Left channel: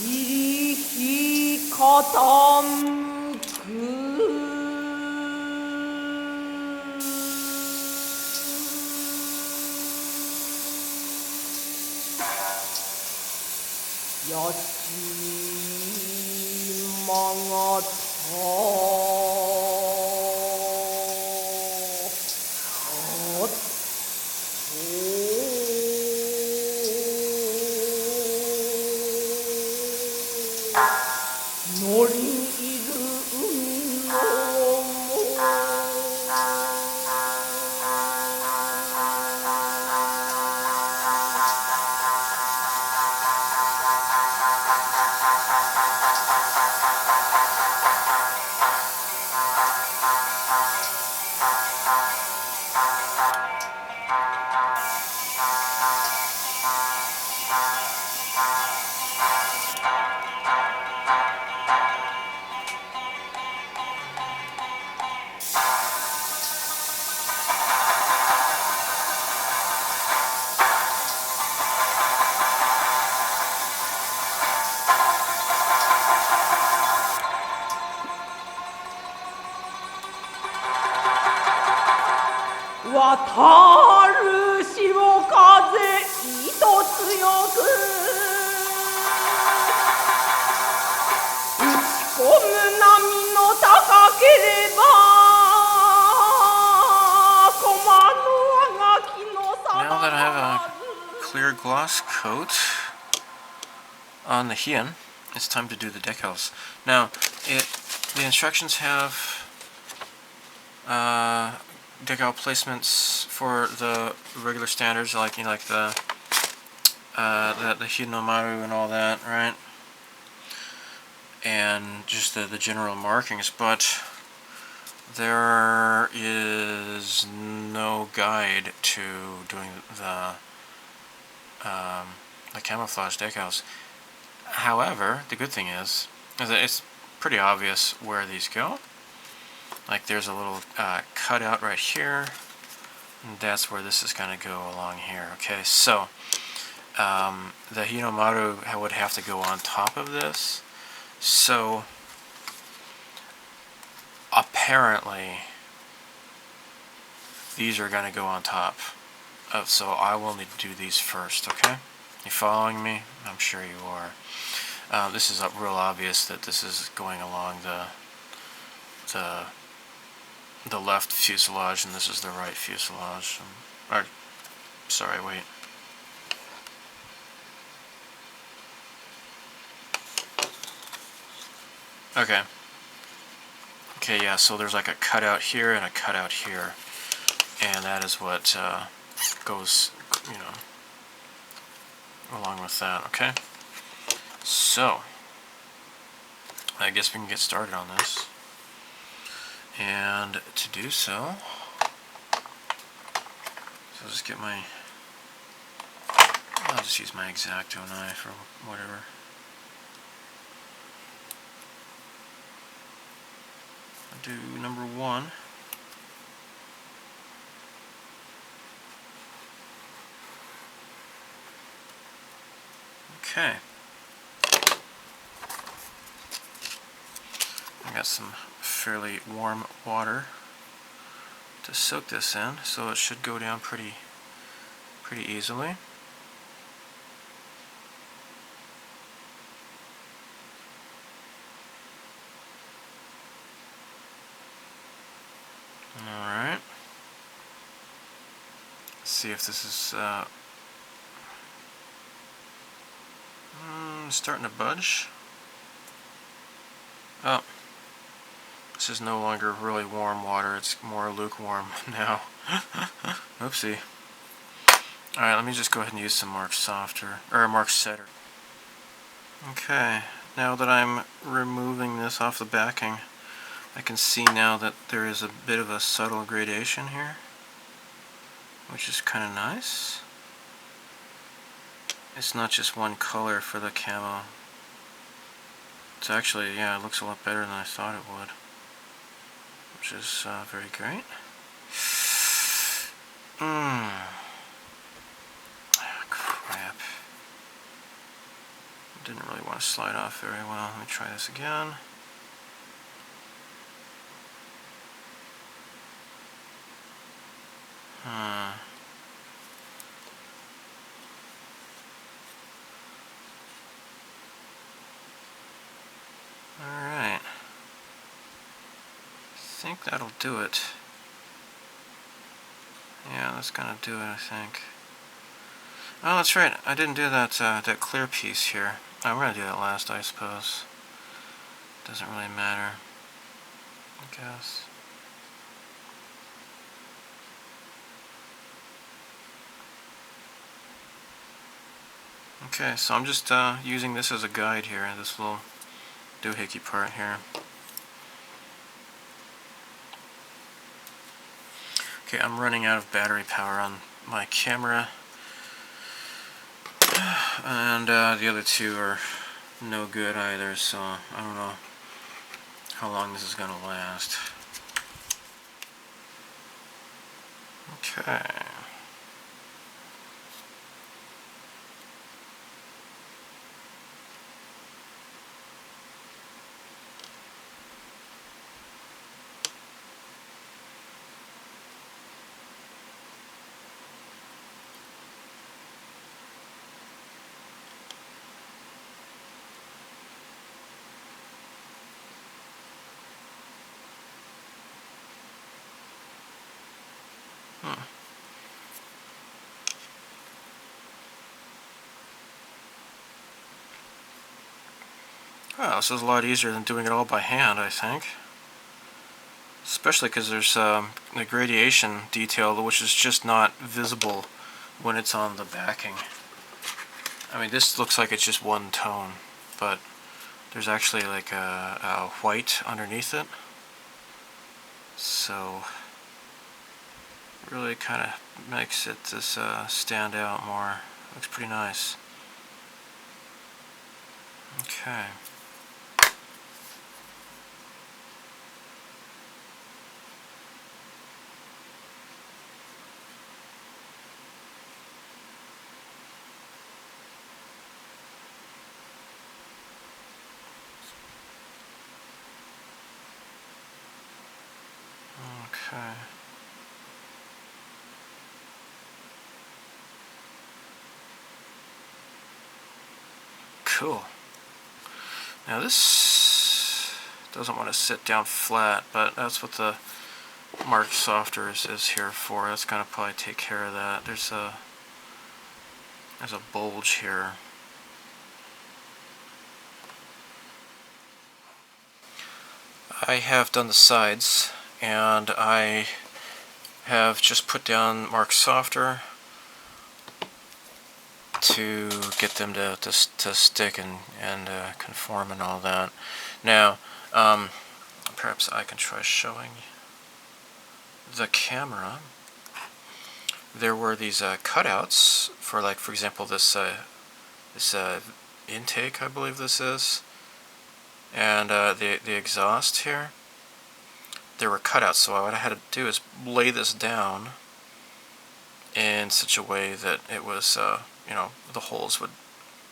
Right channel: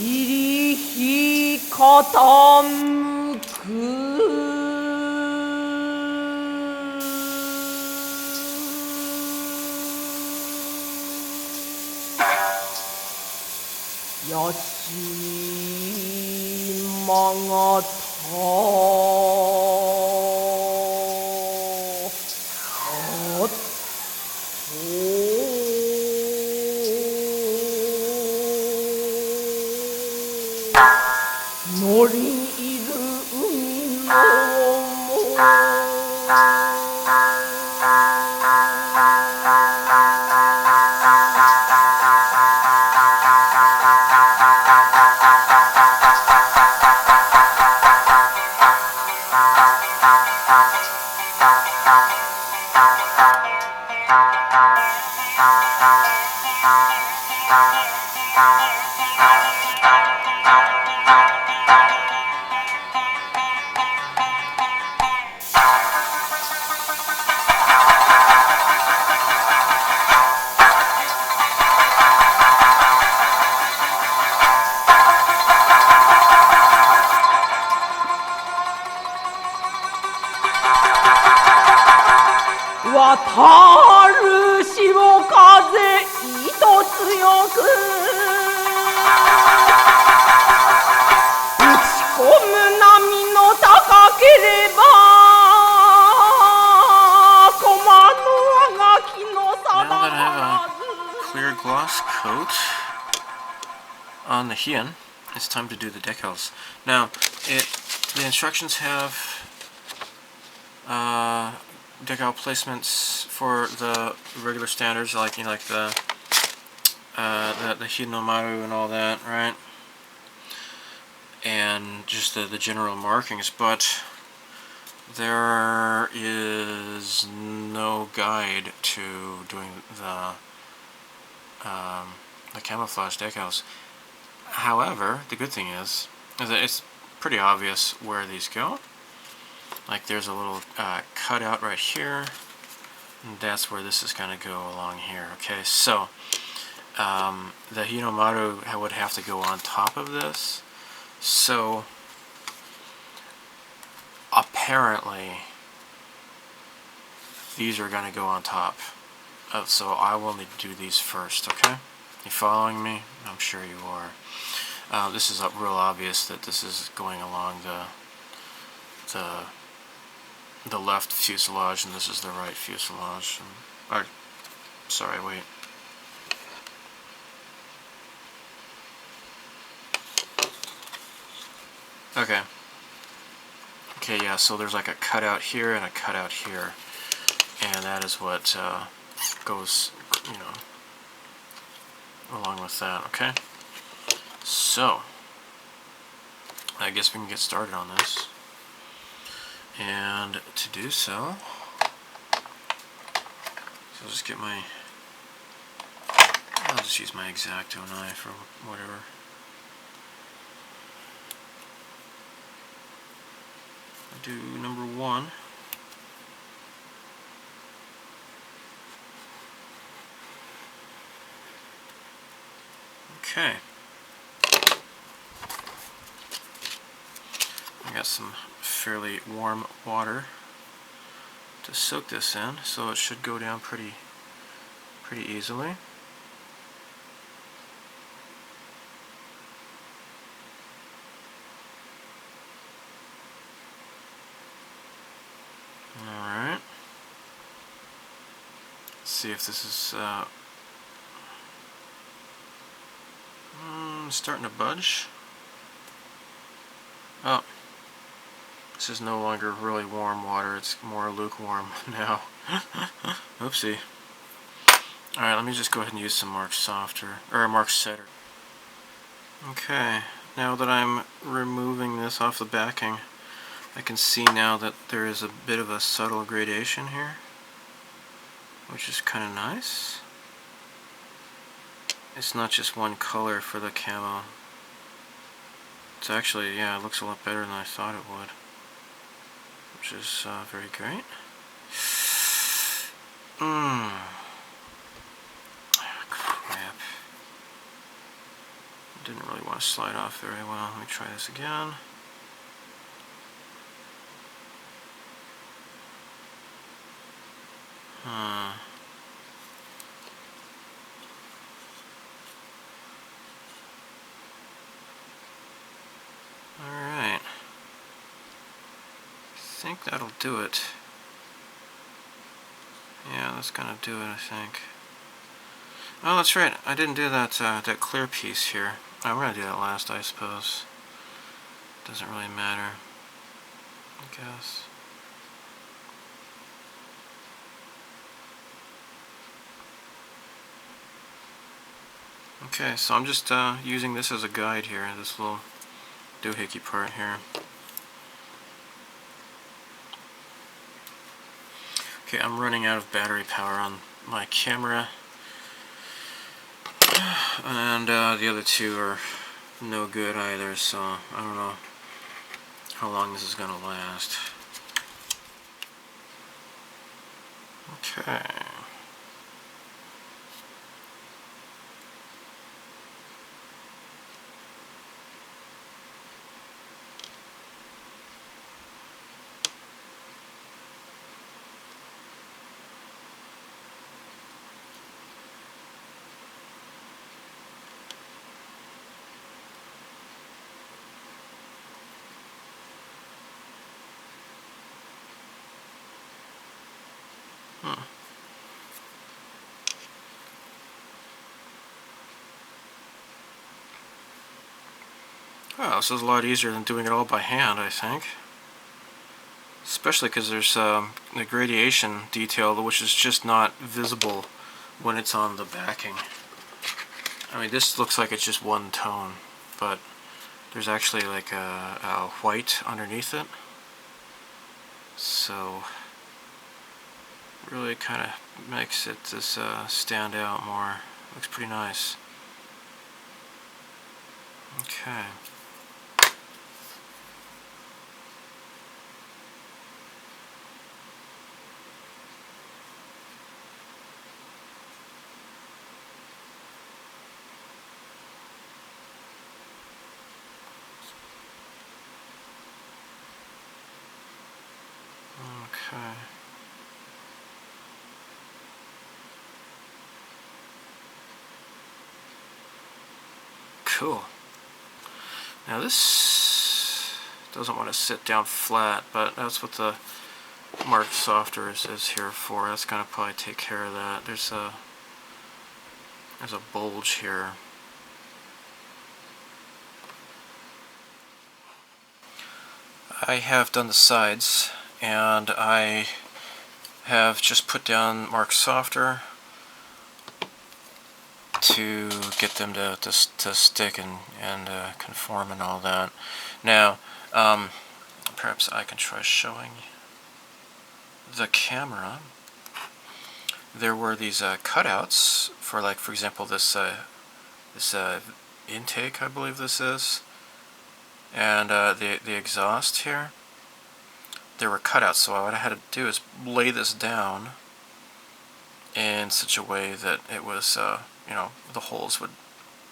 이리傾く八島が乗りいる海の渡る潮風糸強く打ち込む波の高ければ駒のあがきの定 Now that I have a clear gloss coat on the Hien, it's time to do the decals. Now, the instructions have decal placements for the regular standards, like the Hien no Maru and all that, right? And just the general markings, but there is no guide to doing the camouflage decals. However, the good thing is that it's pretty obvious where these go. Like there's a little cutout right here, and that's where this is going to go along here. Okay, so the Hien no Maru would have to go on top of this. So apparently these are going to go on top. So I will need to do these first, okay? You following me? I'm sure you are. This is real obvious that this is going along the left fuselage, and this is the right fuselage. Or, sorry, wait. Okay. Okay, yeah, so there's like a cutout here and a cutout here. And that is what goes, along with that, okay? So, I guess we can get started on this. And to do so, I'll just get I'll just use my X-Acto knife or whatever. I'll do number 1. Okay. I got some fairly warm water to soak this in, so it should go down pretty easily. Alright. Let's see if this is starting to budge. Oh. This is no longer really warm water, it's more lukewarm now. Oopsie. Alright, let me just go ahead and use some Mark Softer, or Mark Setter. Okay, now that I'm removing this off the backing, I can see now that there is a bit of a subtle gradation here, which is kind of nice. It's not just one color for the camo. It's actually, yeah, it looks a lot better than I thought it would, which is very great. Crap. Didn't really want to slide off very well. Let me try this again. Alright. I think that'll do it. Yeah, that's gonna do it, I think. Oh, that's right. I didn't do that that clear piece here. I'm gonna do that last, I suppose. Doesn't really matter, I guess. Okay, so I'm just using this as a guide here, this little doohickey part here. Okay, I'm running out of battery power on my camera, and the other two are no good either, so I don't know how long this is going to last. Okay. Well, this is a lot easier than doing it all by hand, I think. Especially because there's the gradation detail, which is just not visible when it's on the backing. I mean, this looks like it's just one tone, but there's actually like a white underneath it. So, really kind of makes it this stand out more. Looks pretty nice. Okay. Okay. Cool. Now this doesn't want to sit down flat, but that's what the Mark Softer is here for. That's gonna probably take care of that. There's a bulge here. I have done the sides, and I have just put down Mark Softer to get them to stick and conform and all that. Now, perhaps I can try showing the camera. There were these cutouts for, like, for example, this intake, I believe this is, and the exhaust here. There were cutouts, so what I had to do is lay this down in such a way that it was, you know, the holes would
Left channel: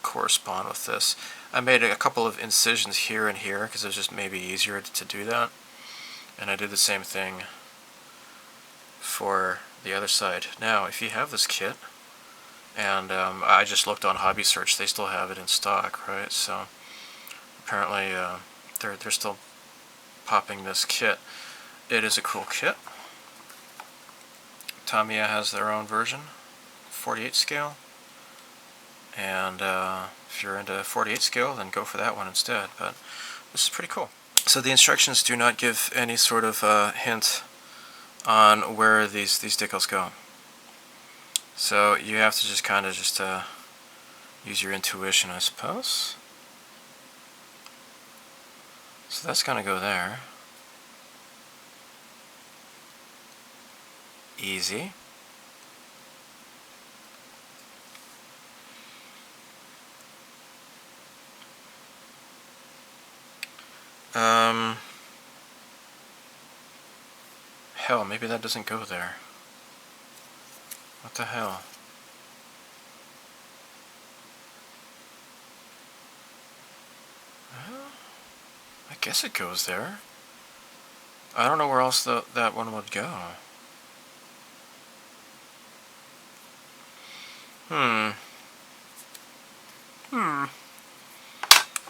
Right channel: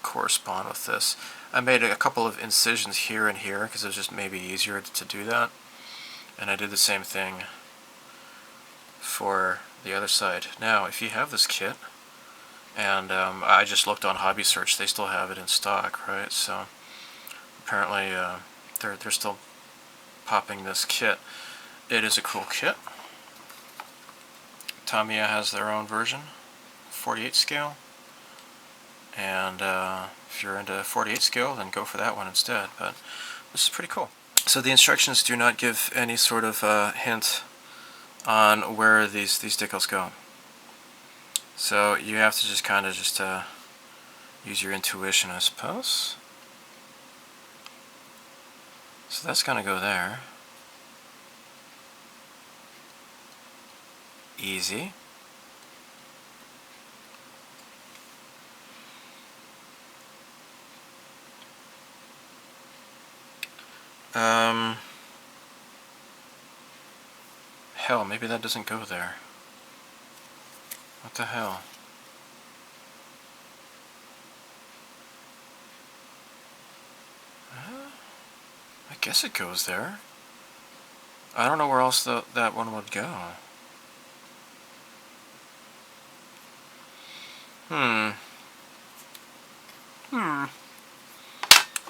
correspond with this. I made a couple of incisions here and here because it was just maybe easier to do that, and I did the same thing for the other side. Now, if you have this kit, and I just looked on Hobby Search, they still have it in stock, right? So apparently they're still popping this kit. It is a cool kit. Tamiya has their own version, 48 scale, and if you're into 48 scale, then go for that one instead. But this is pretty cool. So the instructions do not give any sort of hint on where these decals go. So you have to just kind of use your intuition, I suppose. So that's going to go there. Easy. Hell, maybe that doesn't go there. What the hell? I guess it goes there. I don't know where else that one would go.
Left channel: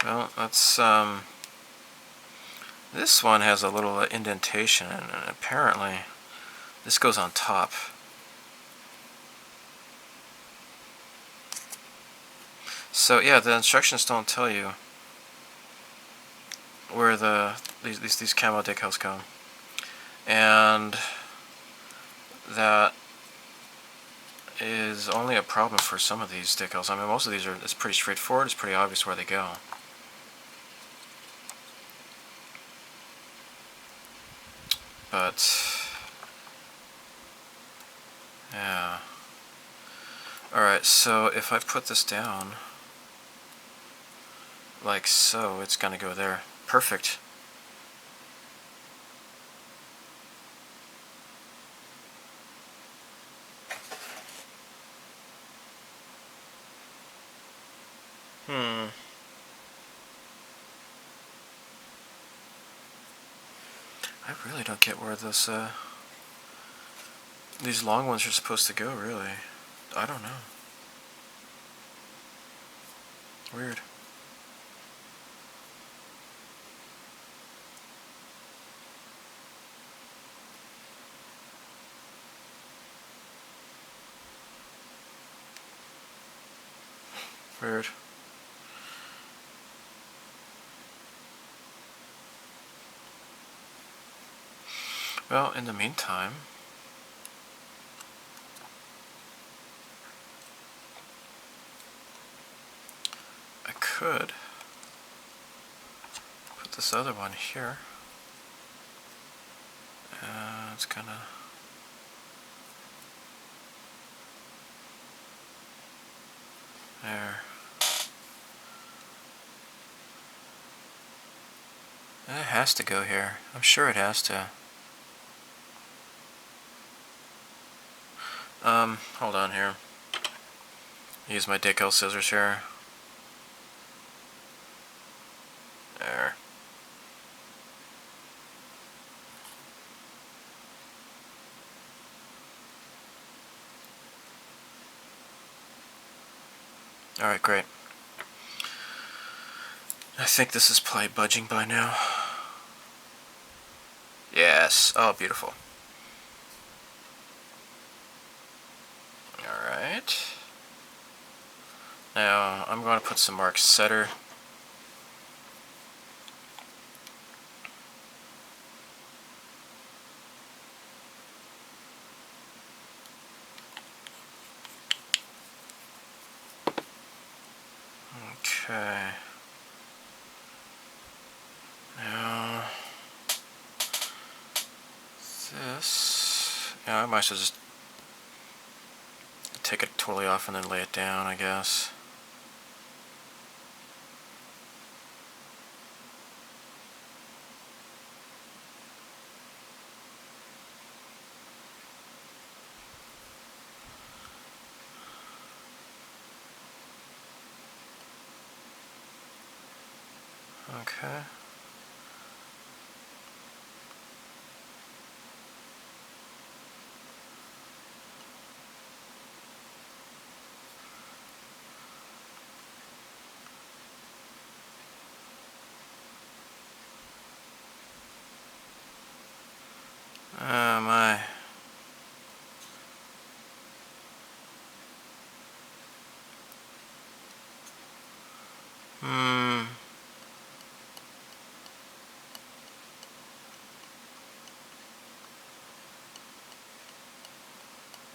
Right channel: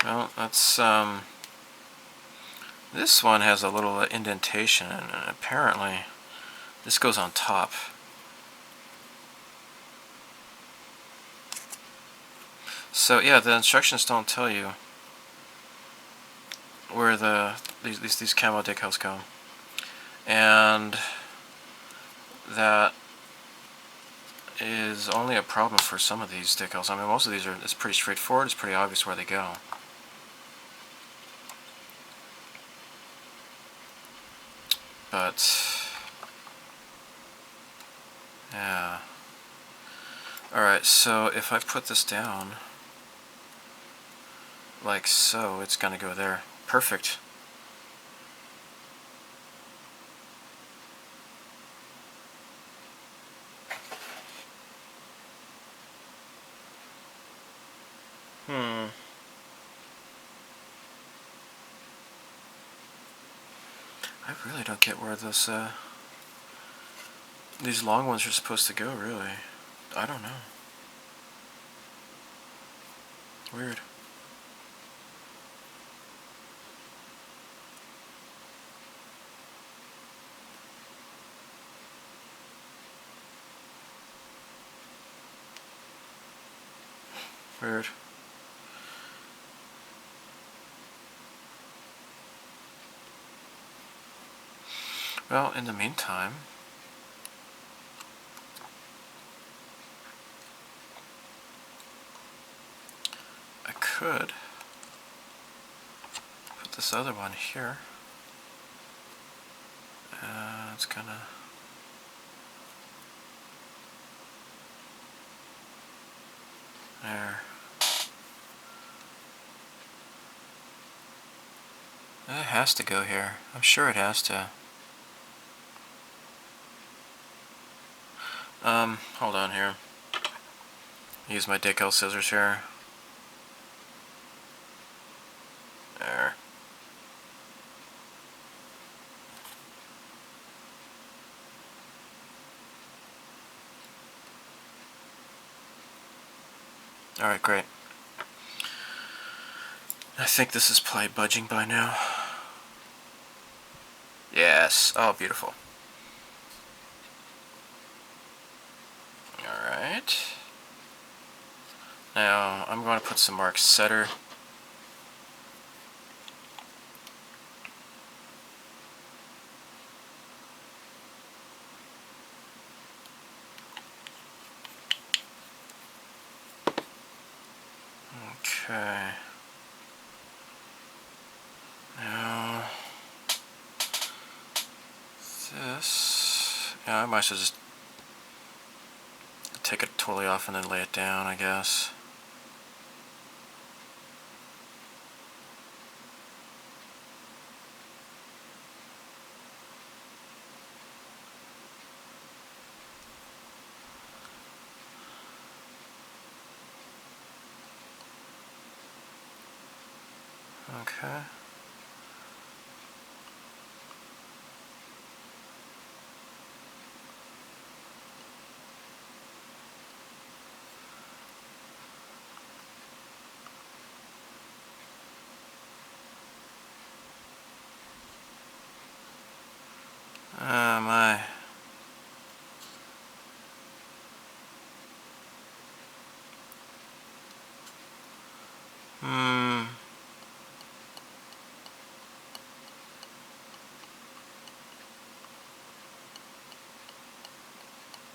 Well, that's, this one has a little indentation, and apparently this goes on top. So yeah, the instructions don't tell you where these camo decals go, and that is only a problem for some of these decals. I mean, most of these it's pretty straightforward. It's pretty obvious where they go. But yeah. Alright, so if I put this down like so, it's gonna go there. Perfect. I really don't get where these long ones are supposed to go, really. I don't know. Weird. Weird. Well, in the meantime, I could put this other one here. It's gonna... There. It has to go here. I'm sure it has to. Hold on here. Use my decal scissors here. There. Alright, great. I think this is probably budging by now. Yes. Oh, beautiful. Alright. Now, I'm going to put some mark setter. Okay. Now, this... Yeah, I might as well just take it totally off and then lay it down, I guess. Okay. Oh my.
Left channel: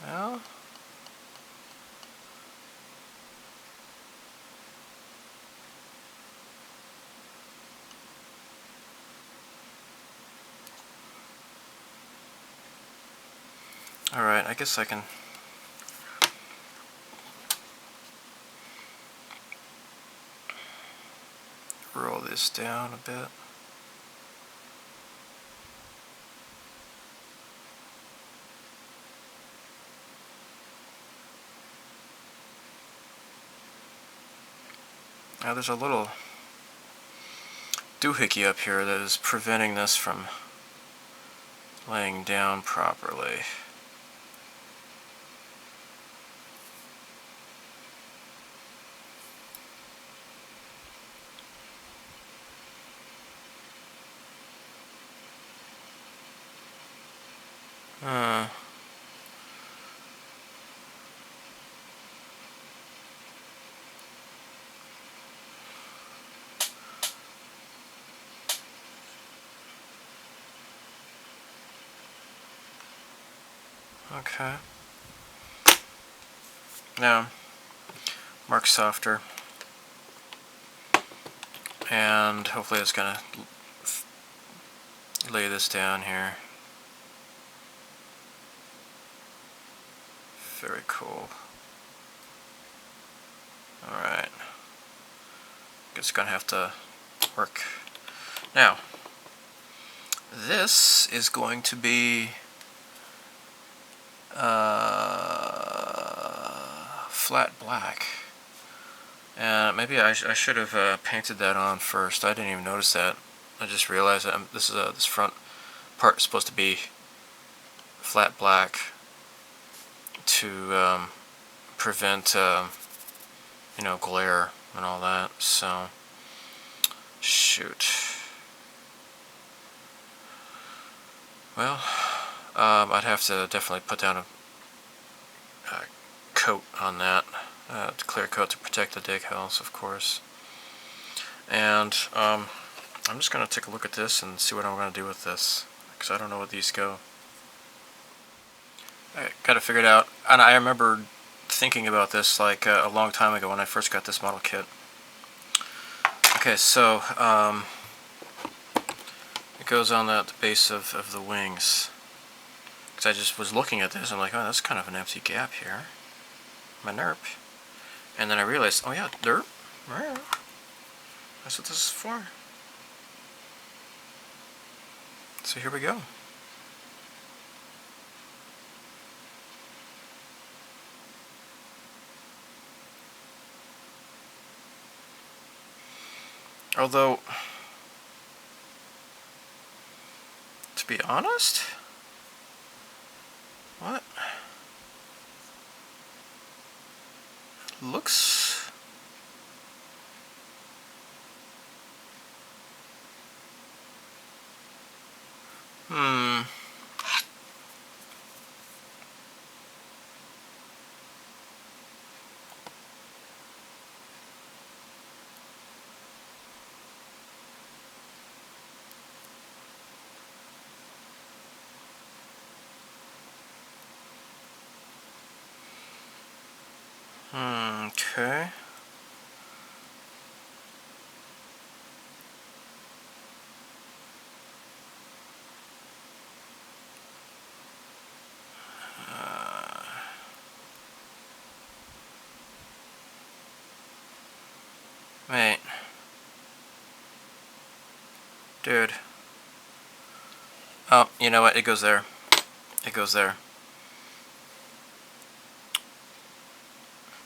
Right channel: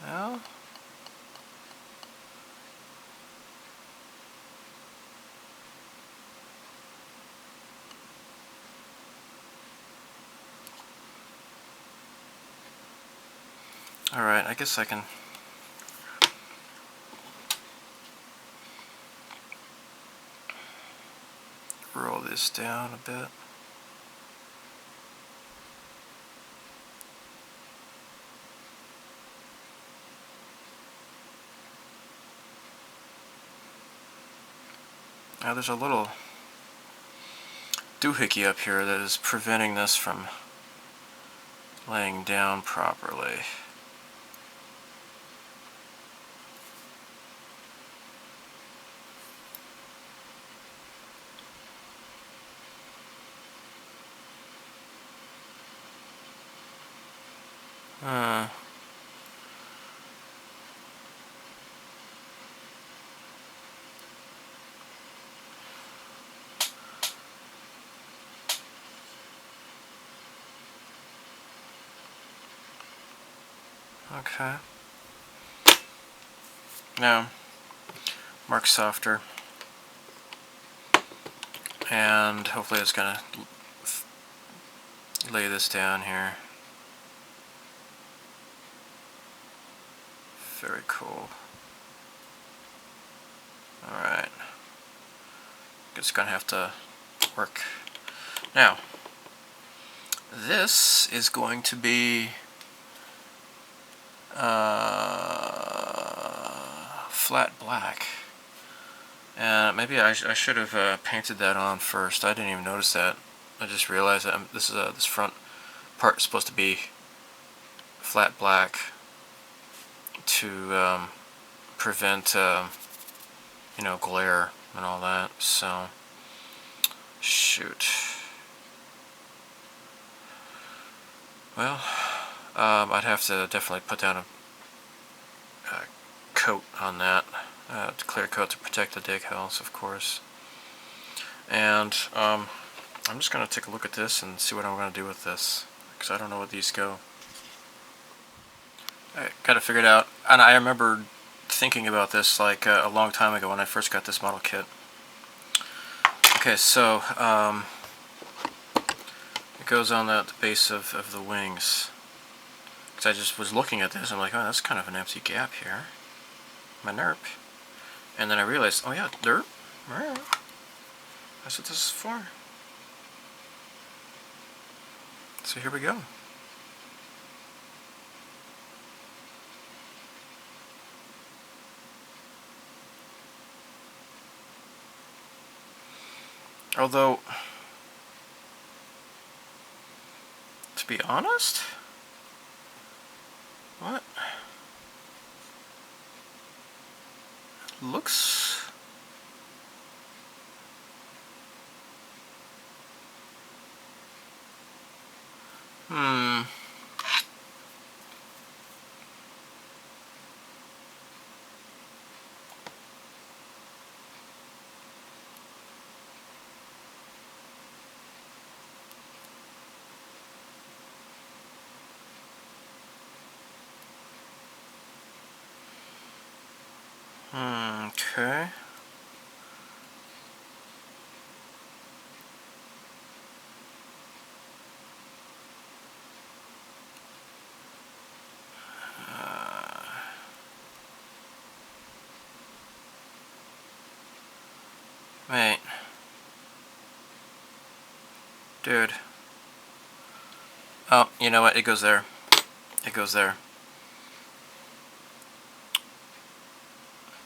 Well, alright, I guess I can roll this down a bit. Now there's a little doohickey up here that is preventing this from laying down properly. Okay. Now, mark softer. And hopefully it's gonna lay this down here. Very cool. Alright. It's gonna have to work. Now, this is going to be flat black. And maybe I should have painted that on first. I didn't even notice that. I just realized that this front part is supposed to be flat black to prevent you know, glare and all that. So shoot. Well, I'd have to definitely put down a coat on that, clear coat to protect the decals, of course. And I'm just going to take a look at this and see what I'm going to do with this, because I don't know where these go. I got to figure it out. And I remember thinking about this like a long time ago when I first got this model kit. Okay, so it goes on the base of the wings. Because I just was looking at this, I'm like, oh, that's kind of an empty gap here. My NERP. And then I realized, oh yeah, derp. Right. That's what this is for. So here we go. Although, to be honest, what? Looks okay. Wait. Dude. Oh, you know what? It goes there. It goes there.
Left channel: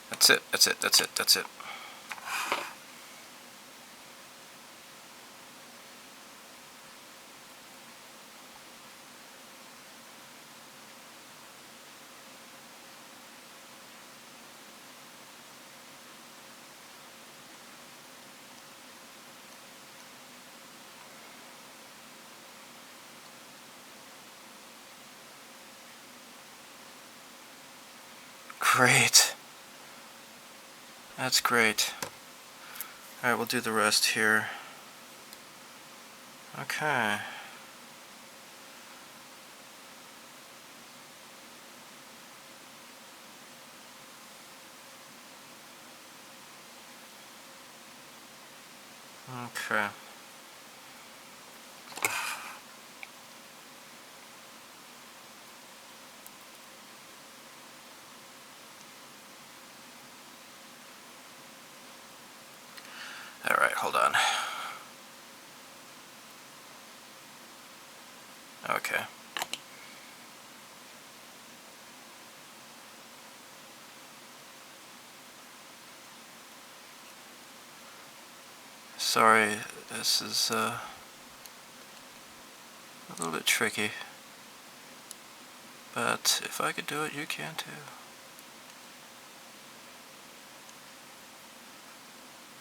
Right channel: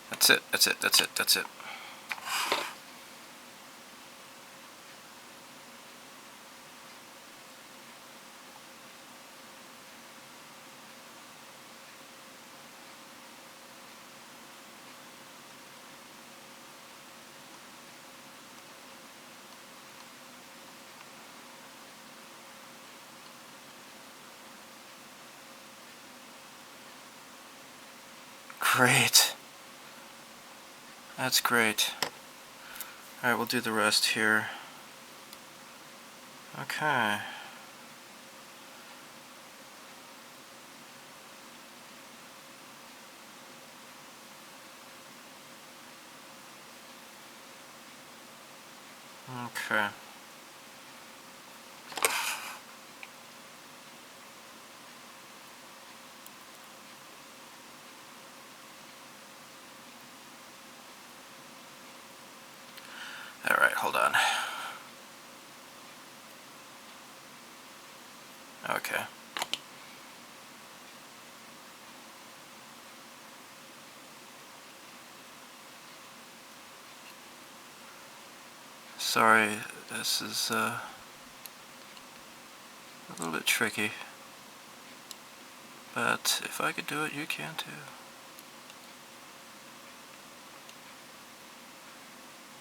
That's it. That's it. That's it. That's it. Great. That's great. Alright, we'll do the rest here. Okay. Okay. Alright, hold on. Okay. Sorry, this is a little bit tricky. But if I could do it, you can too.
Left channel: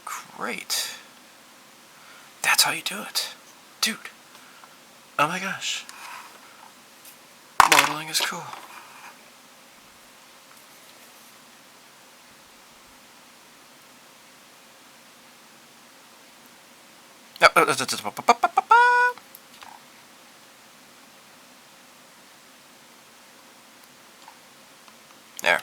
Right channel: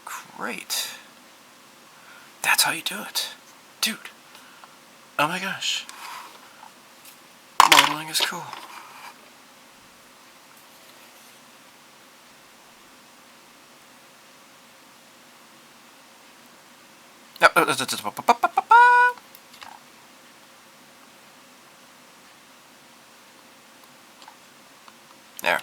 Great. That's how you do it. Dude. Oh my gosh. Modeling is cool. There.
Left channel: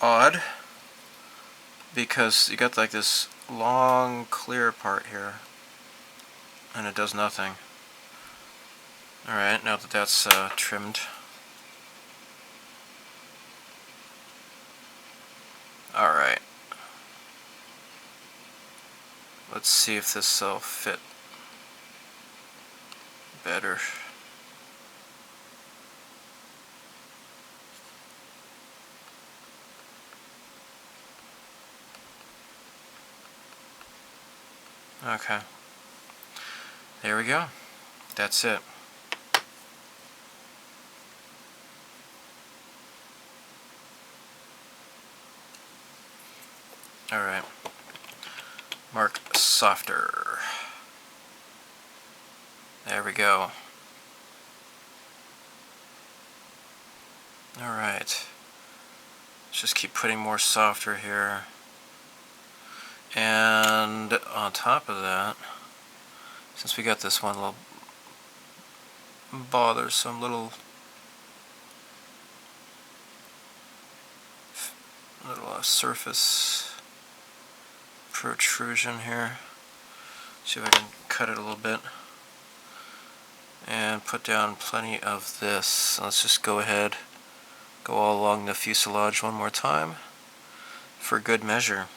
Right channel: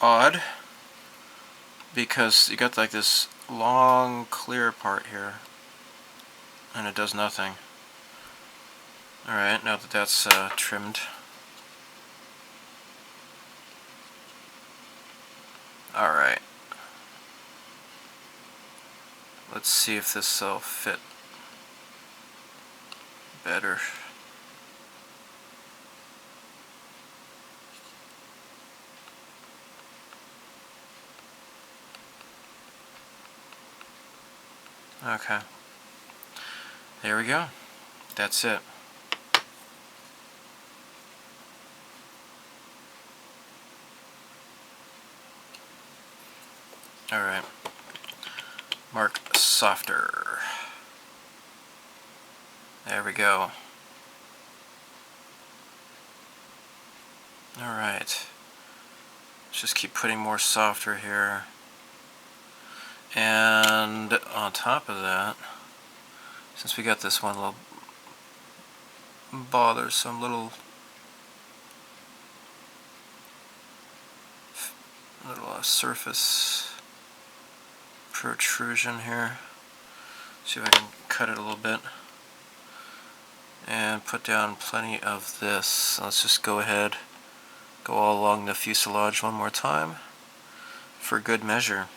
Odd, because you got like this long clear part here and it does nothing. Alright, now that that's trimmed. Alright. Let's see if this will fit better. Okay. There we go. That's it. Alright. Mark softer. There we go. Alright. Let's just keep putting more softer here. And on top of that, since we got this one little bothersome little surface protrusion here, see if I can cut it a little bit and put down plenty of this. Let's just go ahead, go all along the fuselage one more time for good measure.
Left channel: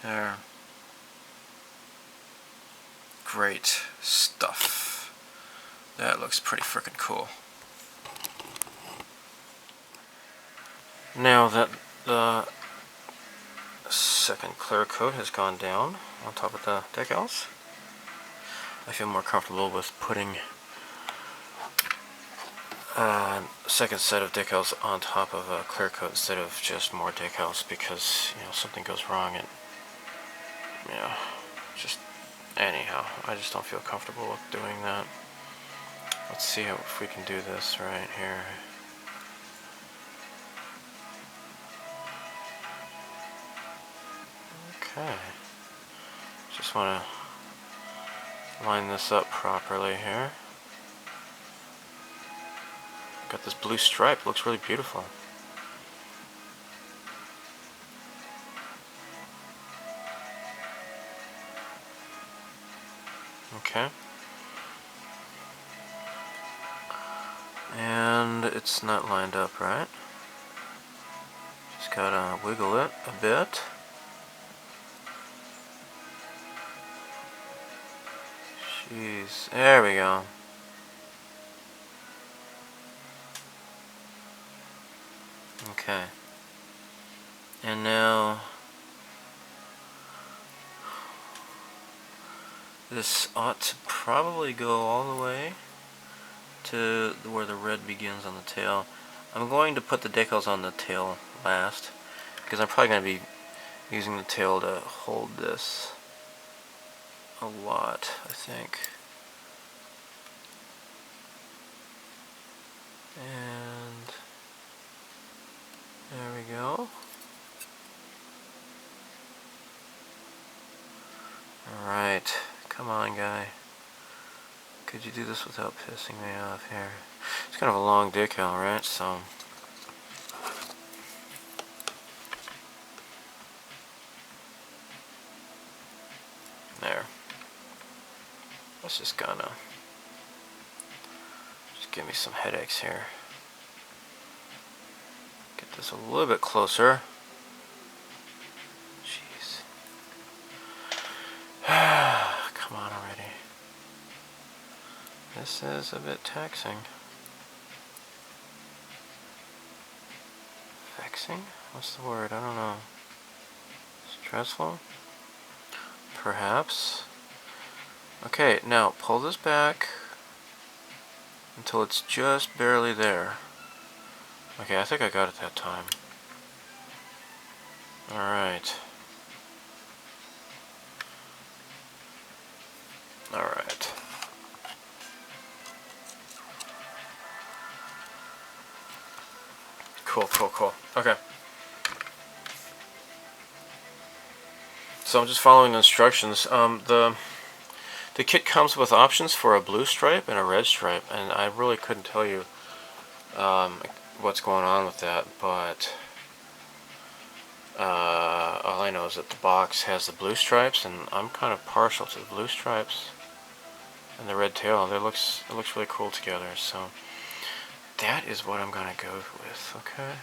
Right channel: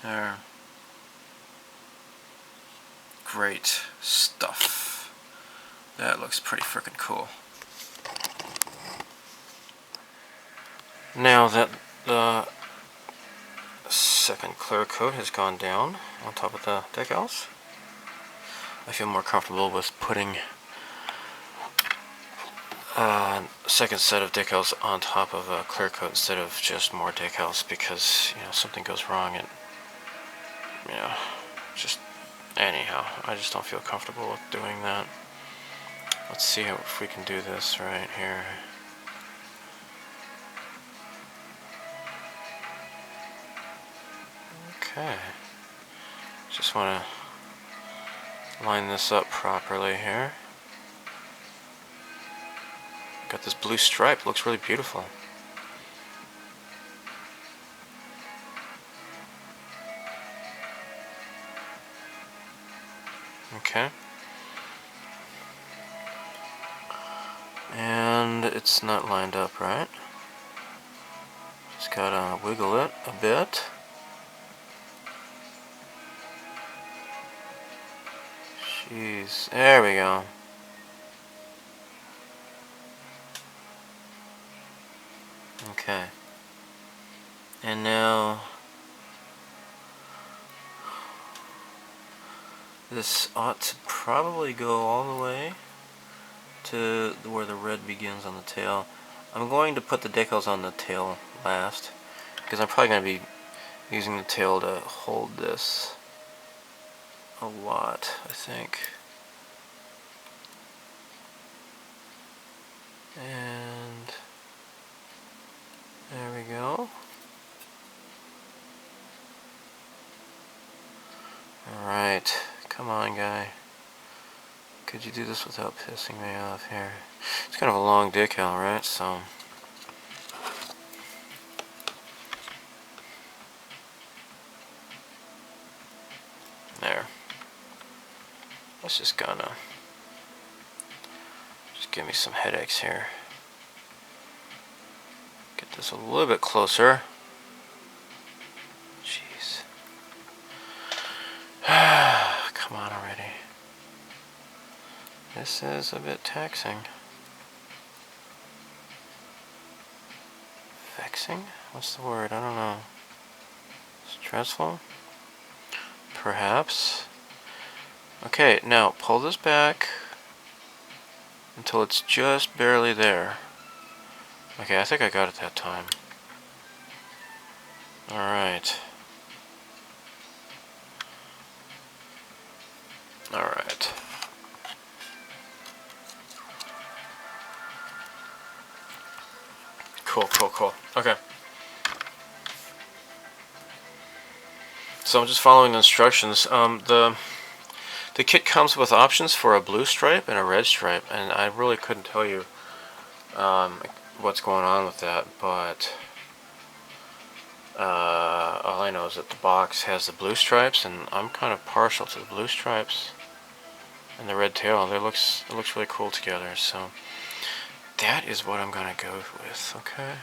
There. Great stuff. That looks pretty freaking cool. Now that the second clear coat has gone down on top of the decals, I feel more comfortable with putting a second set of decals on top of a clear coat instead of just more decals, because something goes wrong and just anyhow, I just don't feel comfortable with doing that. Let's see if we can do this right here. Okay. Just want to line this up properly here. Got this blue stripe, looks really beautiful. Okay. And it's not lined up right. Just gotta wiggle it a bit. Jeez, there we go. Okay. And now this ought to probably go all the way to where the red begins on the tail. I'm going to put the decals on the tail last, because I'm probably going to be using the tail to hold this a lot, I think. And there we go. Alright, come on guy. Could you do this without pissing me off here? It's kind of a long decal, right? So there. That's just gonna give me some headaches here. Get this a little bit closer. Jeez. Come on already. This is a bit taxing. Vexing? What's the word? I don't know. Stressful? Perhaps. Okay, now pull this back until it's just barely there. Okay, I think I got it that time. Alright. Alright. Cool. Okay. So I'm just following the instructions. The kit comes with options for a blue stripe and a red stripe, and I really couldn't tell you what's going on with that, but all I know is that the box has the blue stripes, and I'm kind of partial to the blue stripes and the red tail. It looks really cool together, so that is what I'm gonna go with. Okay,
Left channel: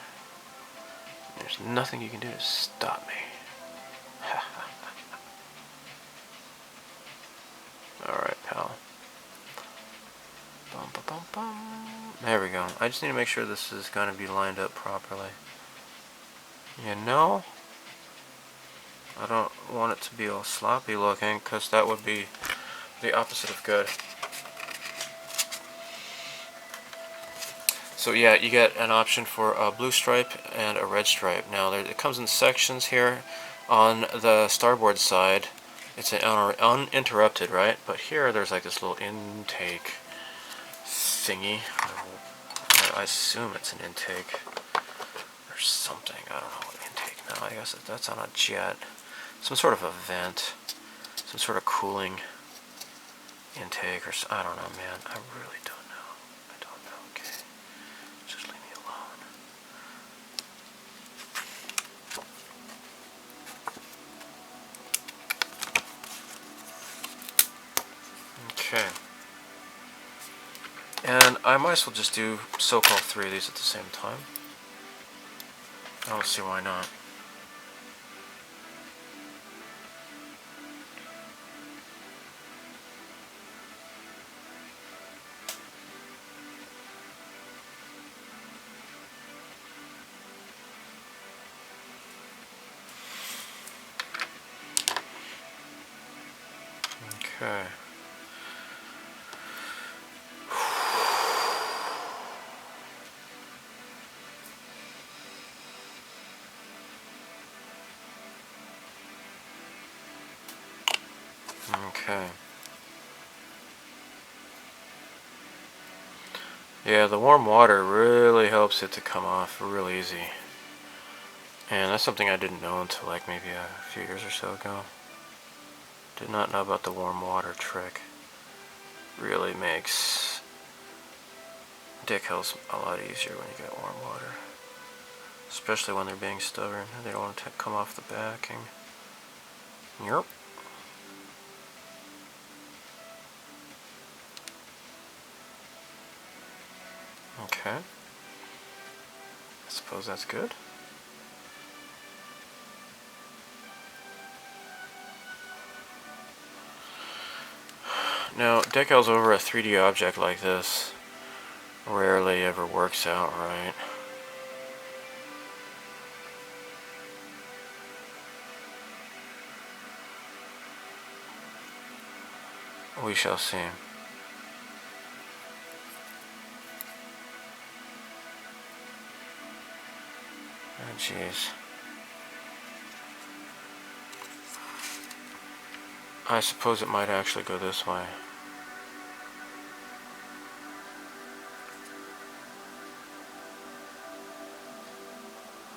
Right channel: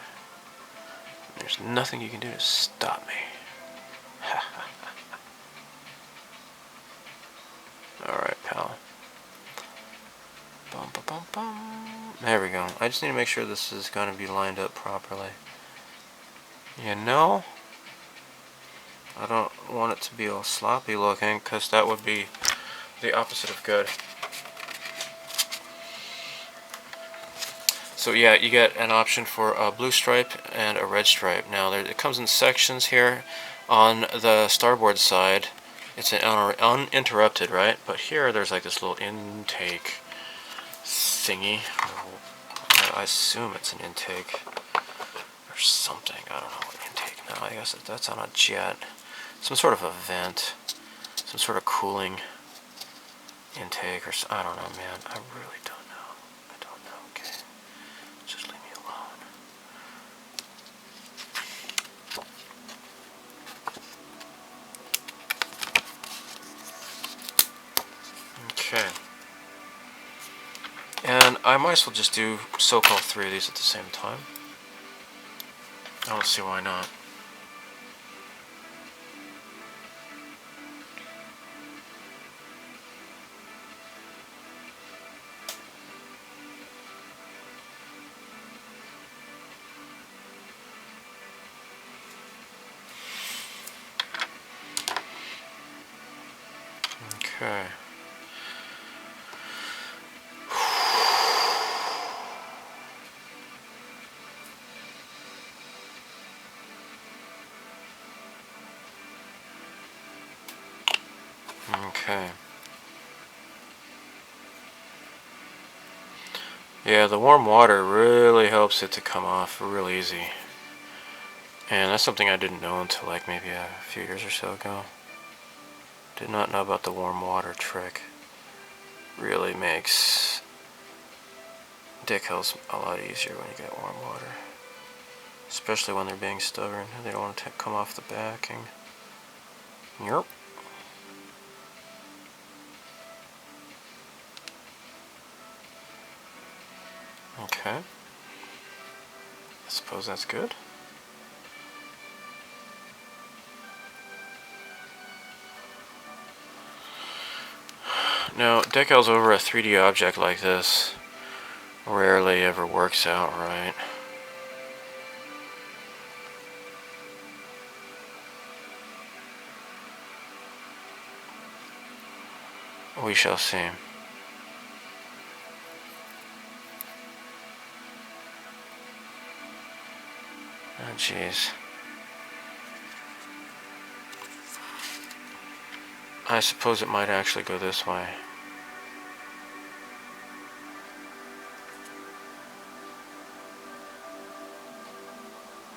there's nothing you can do to stop me. Alright, pal. Bum, bum, bum, bum. There we go. I just need to make sure this is going to be lined up properly. You know, I don't want it to be all sloppy looking, because that would be the opposite of good. So yeah, you get an option for a blue stripe and a red stripe. Now it comes in sections here. On the starboard side, it's an uninterrupted, right? But here there's like this little intake thingy. I assume it's an intake or something. I don't know what intake. No, I guess that's on a jet. Some sort of a vent. Some sort of cooling intake or I don't know, man. I really don't know. I don't know. Okay. Just leave me alone. Okay. And I might as well just do so-called 3 of these at the same time. I don't see why not. Okay. Okay. Yeah, the warm water really helps it to come off real easy. And that's something I didn't know until like maybe a few years or so ago. Did not know about the warm water trick. Really makes decals a lot easier when you get warm water. Especially when they're being stubborn. They don't want to come off the backing. Yep. Okay. I suppose that's good. Now, decals over a 3D object like this rarely ever works out right. We shall see. Oh, jeez. I suppose it might actually go this way.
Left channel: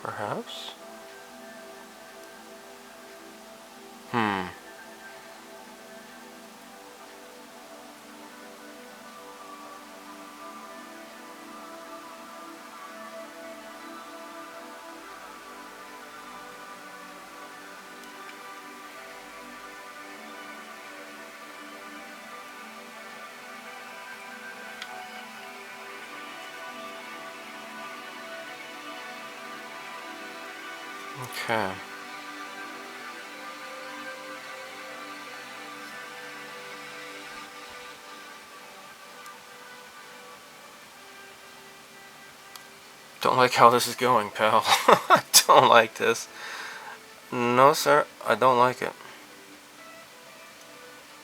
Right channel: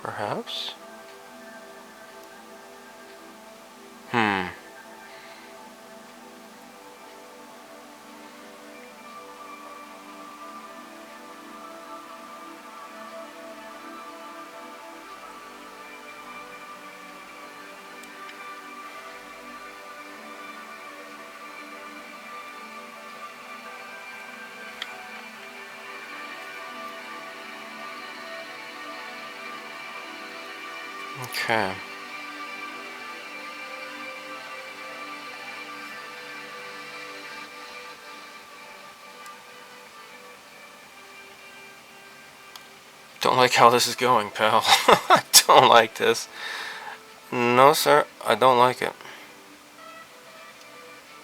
Perhaps? Okay. Don't like how this is going, pal. I don't like this. No, sir, I don't like it.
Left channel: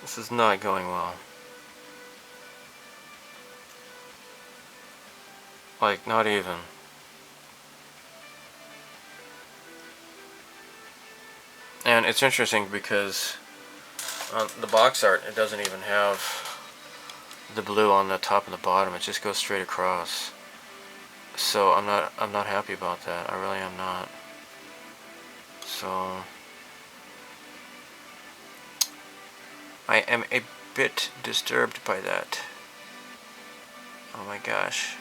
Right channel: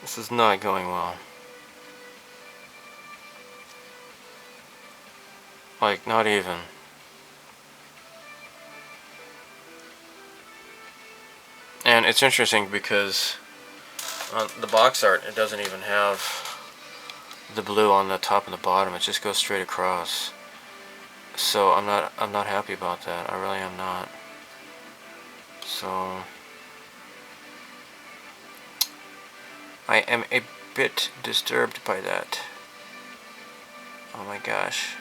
This is not going well. Like, not even. And it's interesting because on the box art, it doesn't even have the blue on the top and the bottom. It just goes straight across. So I'm not happy about that. I really am not. So I am a bit disturbed by that. Oh my gosh.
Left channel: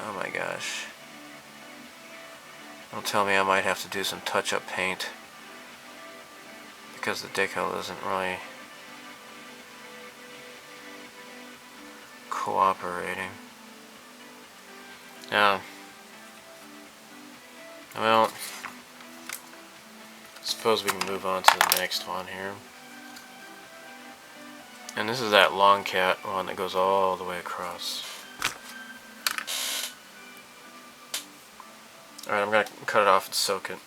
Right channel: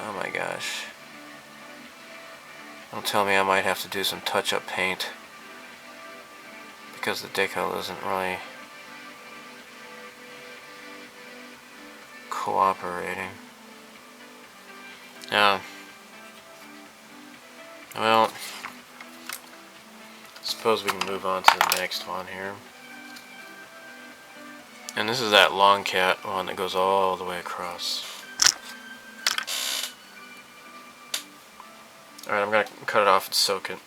Oh my gosh. Don't tell me I might have to do some touch-up paint because the decal isn't really cooperating. Yeah. Well, suppose we can move on to the next one here. And this is that long cat one that goes all the way across. Alright, I'm gonna cut it off and soak it.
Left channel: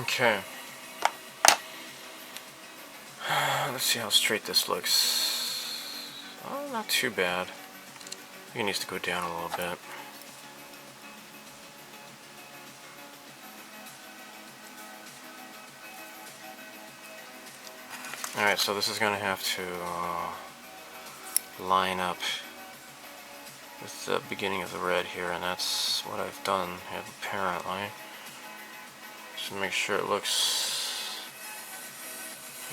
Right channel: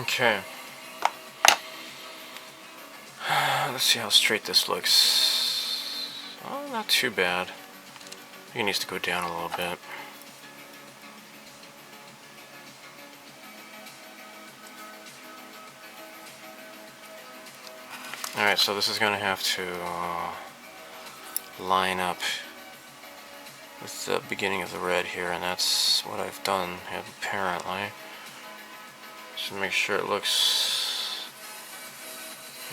Okay. Let's see how straight this looks. Oh, not too bad. I think it needs to go down a little bit. Alright, so this is going to have to line up with the beginning of the red here, and that's what I've done apparently. Just to make sure it looks,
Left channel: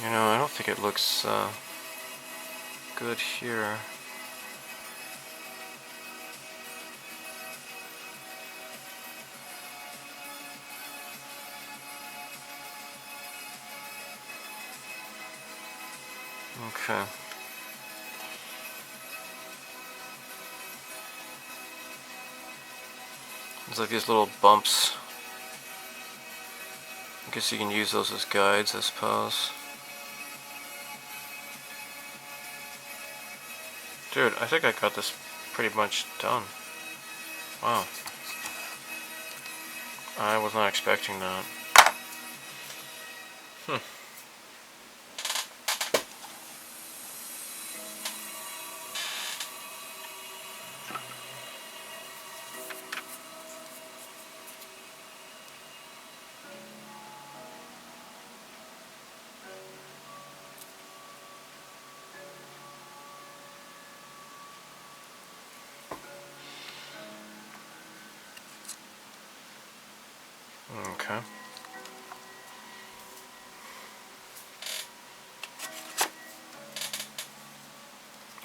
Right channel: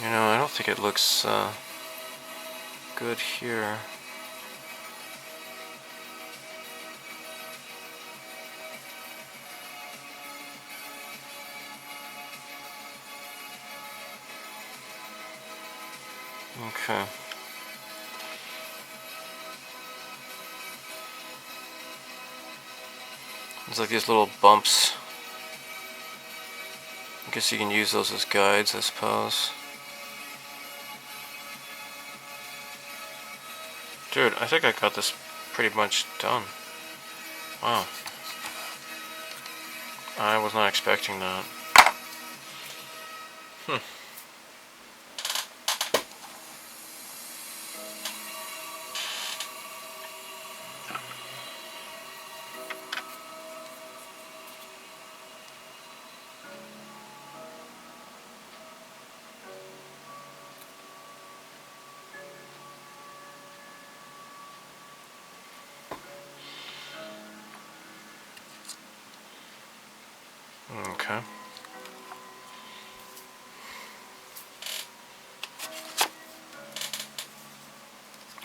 you know, I don't think it looks good here. Okay. It's like these little bumps. I guess you can use those as guides, I suppose. Dude, I think I got this pretty much done. Wow. I was not expecting that. Okay.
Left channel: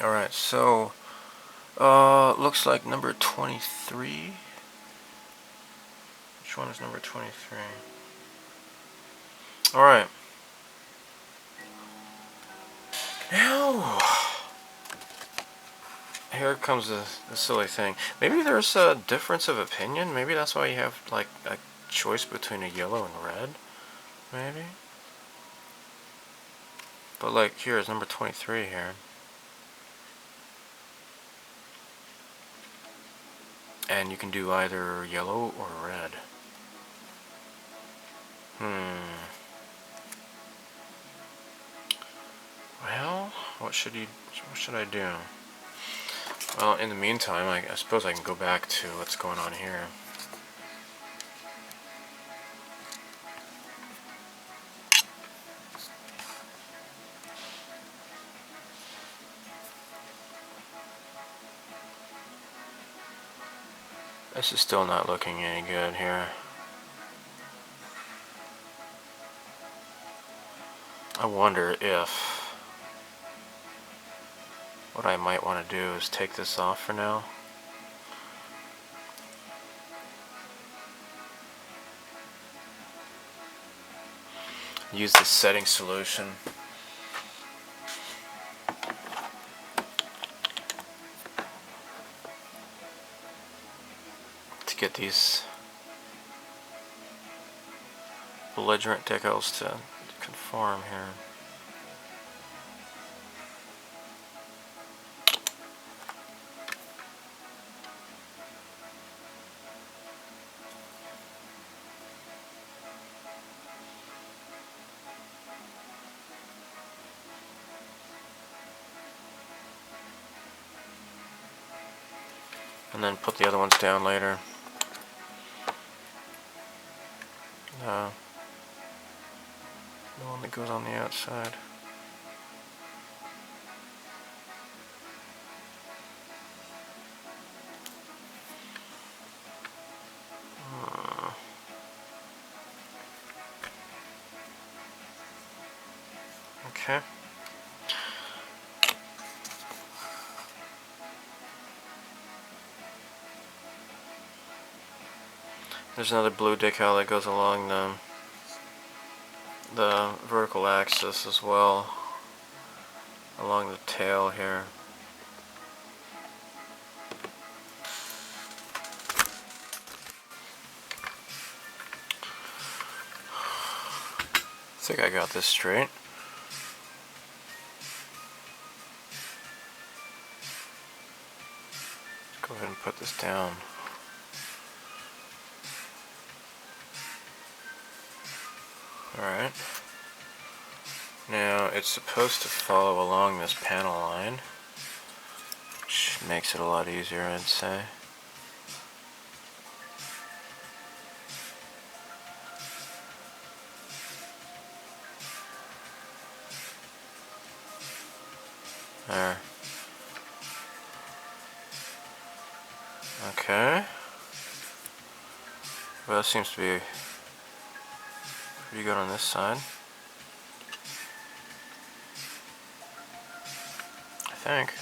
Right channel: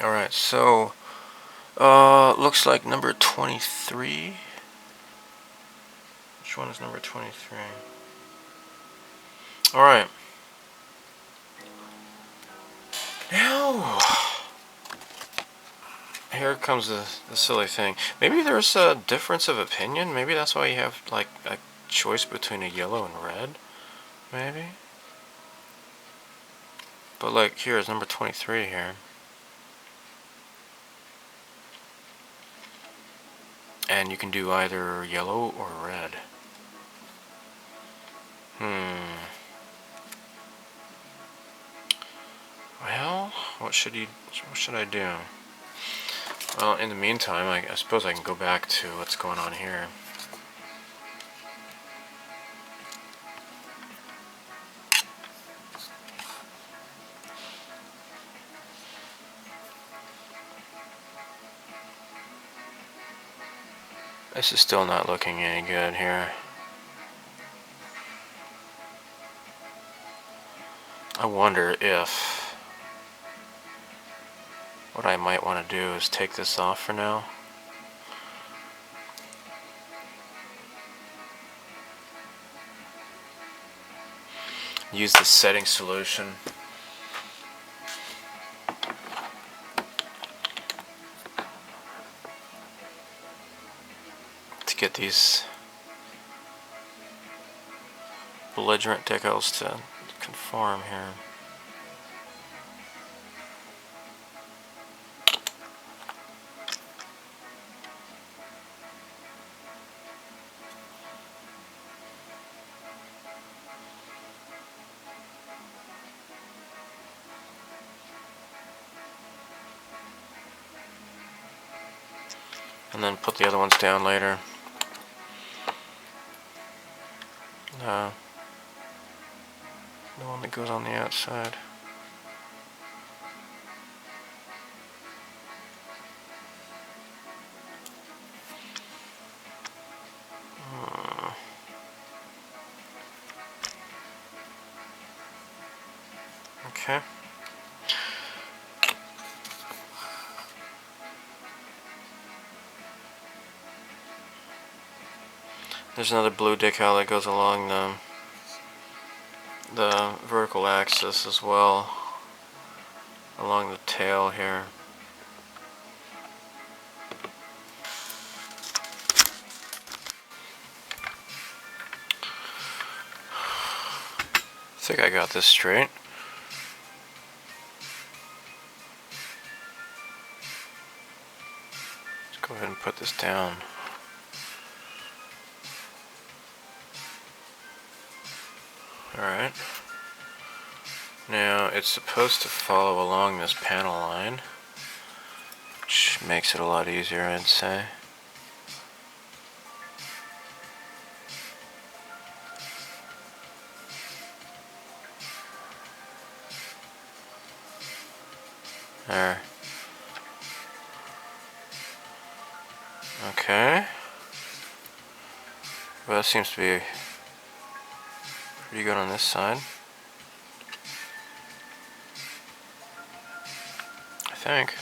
Alright, so looks like number 23. Which one is number 23? Alright. Now, here comes the silly thing. Maybe there's a difference of opinion. Maybe that's why you have like a choice between a yellow and red. Maybe. But like here is number 23 here. And you can do either yellow or red. Well, what should I do? Well, in the meantime, I suppose I can go back to what's going on here. This is still not looking any good here. I wonder if what I might want to do is take this off for now. Use the setting solution. To get these belligerent decals to conform here. And then put the other ones down later. The one that goes on the outside. Okay. There's another blue decal that goes along the vertical axis as well, along the tail here. I think I got this straight. Let's go ahead and put this down. Alright. Now it's supposed to follow along this panel line, which makes it a lot easier, I'd say. There. Okay. Well, that seems to be pretty good on this side, I think.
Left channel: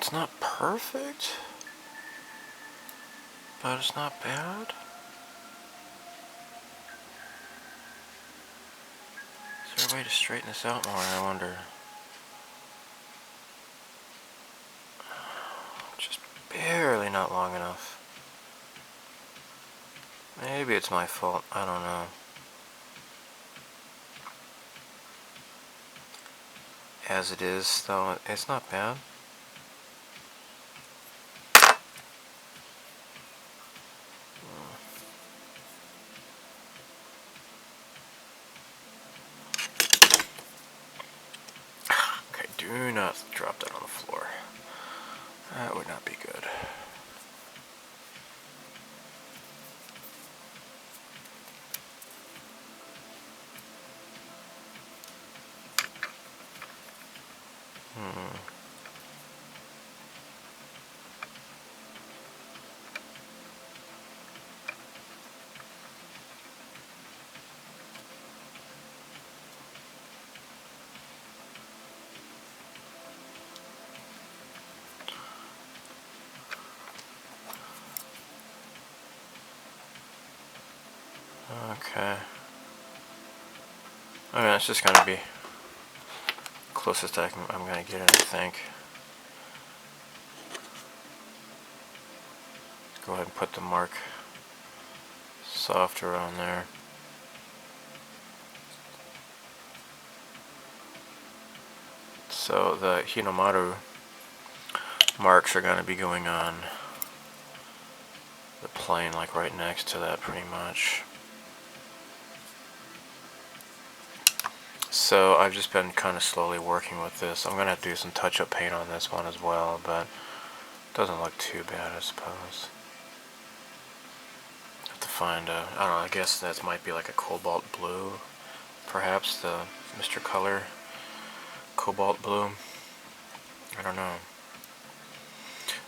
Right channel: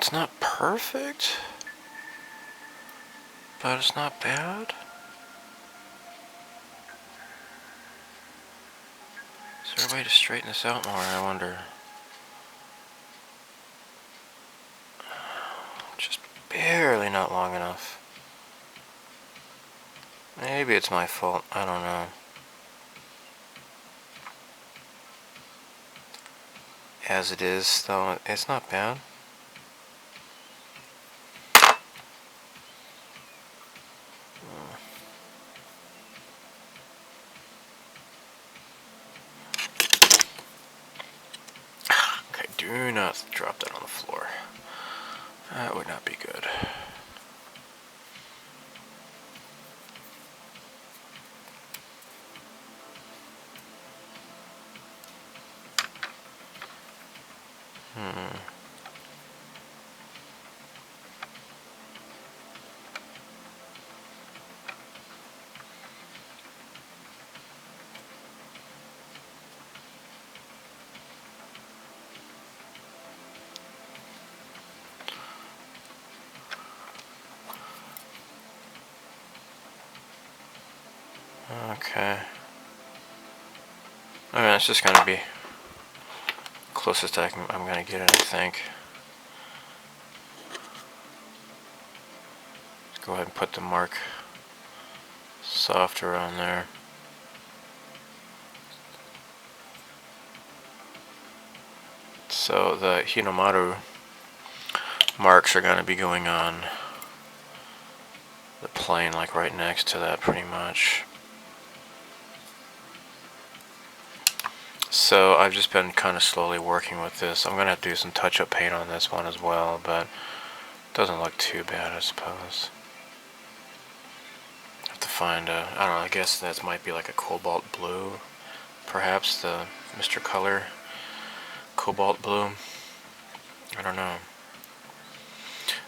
It's not perfect, but it's not bad. Is there a way to straighten this out more, I wonder? Just barely not long enough. Maybe it's my fault, I don't know. As it is, though, it's not bad. Okay, do not drop that on the floor. That would not be good. Okay. Alright, it's just gonna be closest I'm gonna get it, I think. go ahead and put the mark softer on there. So the Hinomaru marks are going to be going on the plane, like right next to that pretty much. So I've just been kind of slowly working with this. I'm going to have to do some touch-up paint on this one as well, but it doesn't look too bad, I suppose. Have to find I don't know, I guess that might be like a cobalt blue, perhaps the Mr. Color cobalt blue. I don't know.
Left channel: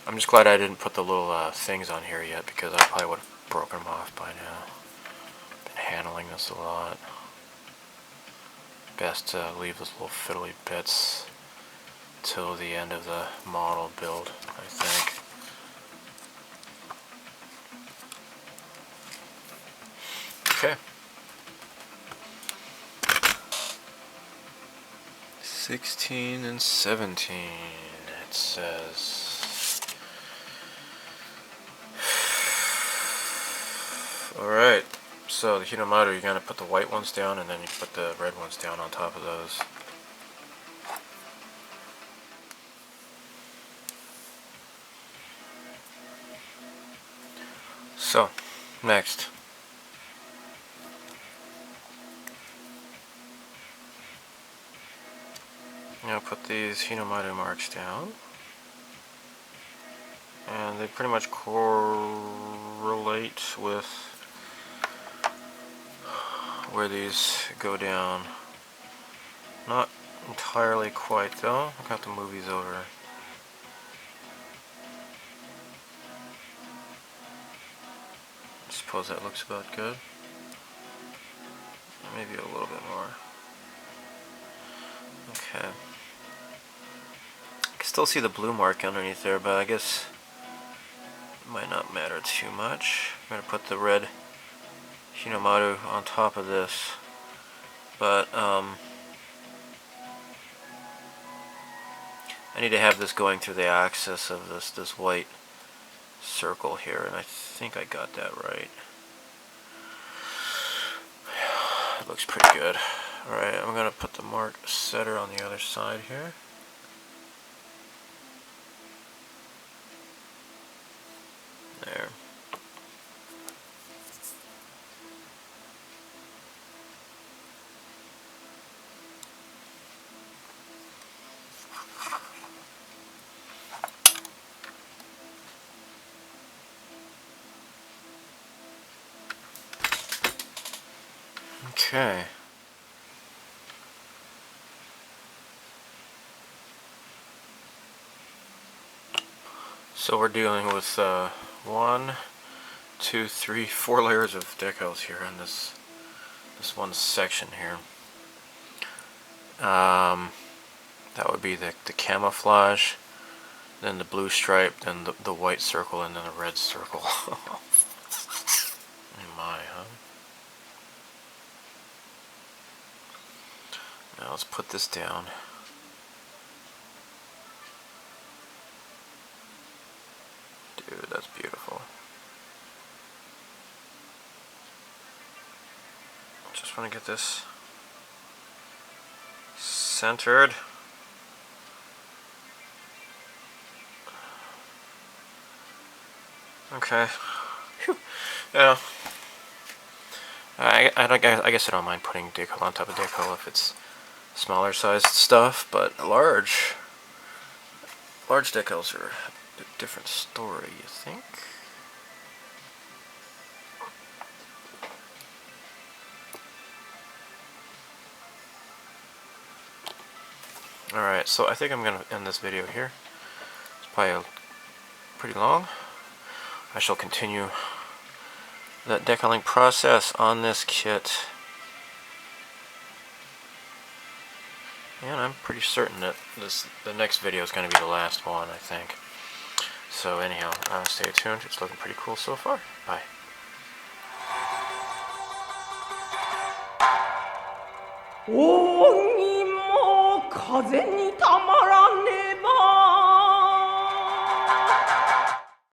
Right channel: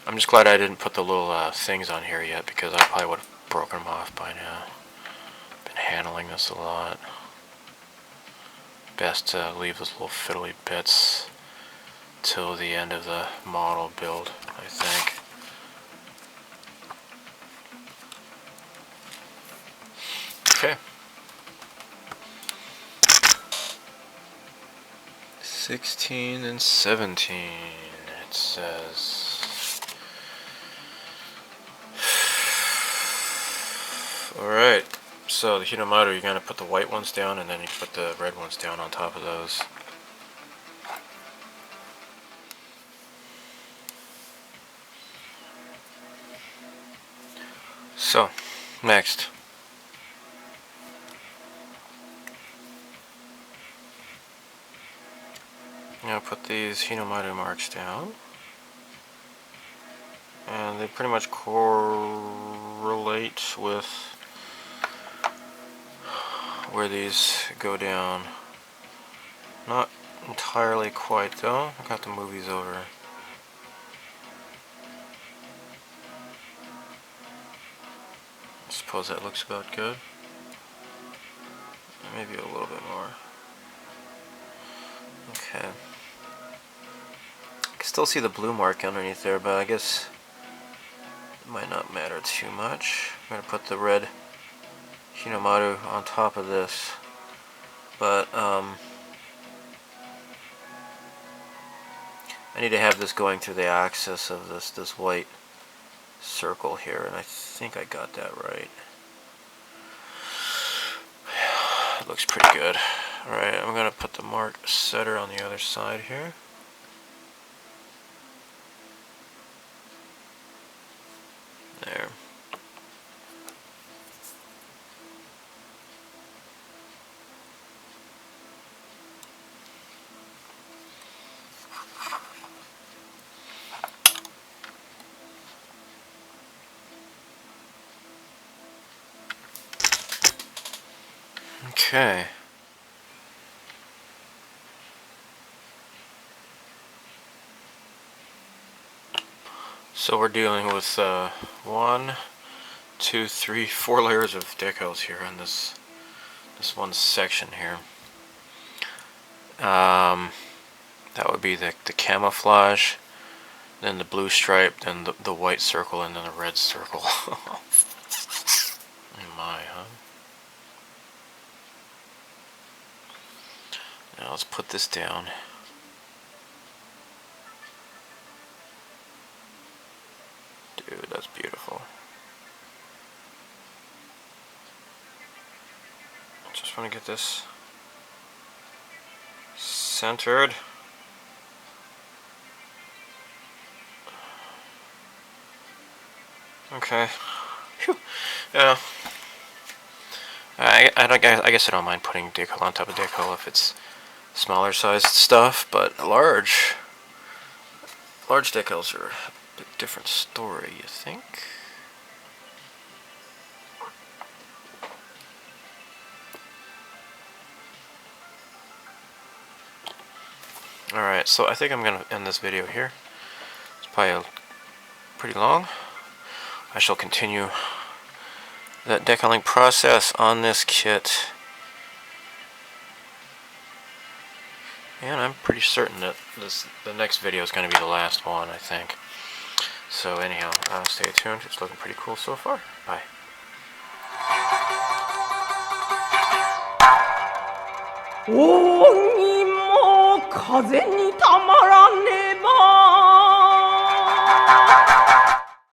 I'm just glad I didn't put the little things on here yet, because I probably would have broken them off by now. Been handling this a lot. Best to leave those little fiddly bits till the end of the model build, I think. Okay. 16 and 17, it says. Alright, so the Hinomaru, you're going to put the white ones down and then you put the red ones down on top of those. So, next. I'm going to put these Hinomaru marks down. And they pretty much correlate with where these go down. Not entirely quite though. I'll have to move these over. I suppose that looks about good. Maybe a little bit more. Okay. I can still see the blue mark underneath there, but I guess it might not matter too much. I'm going to put the red Hinomaru on top of this, but I need to have this going through the axis of this white circle here, and I think I got that right. It looks pretty good. Alright, I'm going to put the mark setter on the other side here. There. Okay. So we're dealing with 1, 2, 3, 4 layers of decals here in this one section here. That would be the camouflage, then the blue stripe, then the white circle, and then the red circle. Oh my, huh? Now let's put this down. Dude, that's beautiful. Just want to get this centered. Okay. Whew. Yeah. I guess I don't mind putting decal on top of decal if it's smaller sized stuff, but large decals are a bit different story, you think? Alright, so I think I'm going to end this video here. It's probably pretty long. I shall continue that decaling process on this kit. And I'm pretty certain that the next video is going to be the last one, I think. So anyhow, stay tuned. It's looking pretty cool so far. Bye. 扇も風に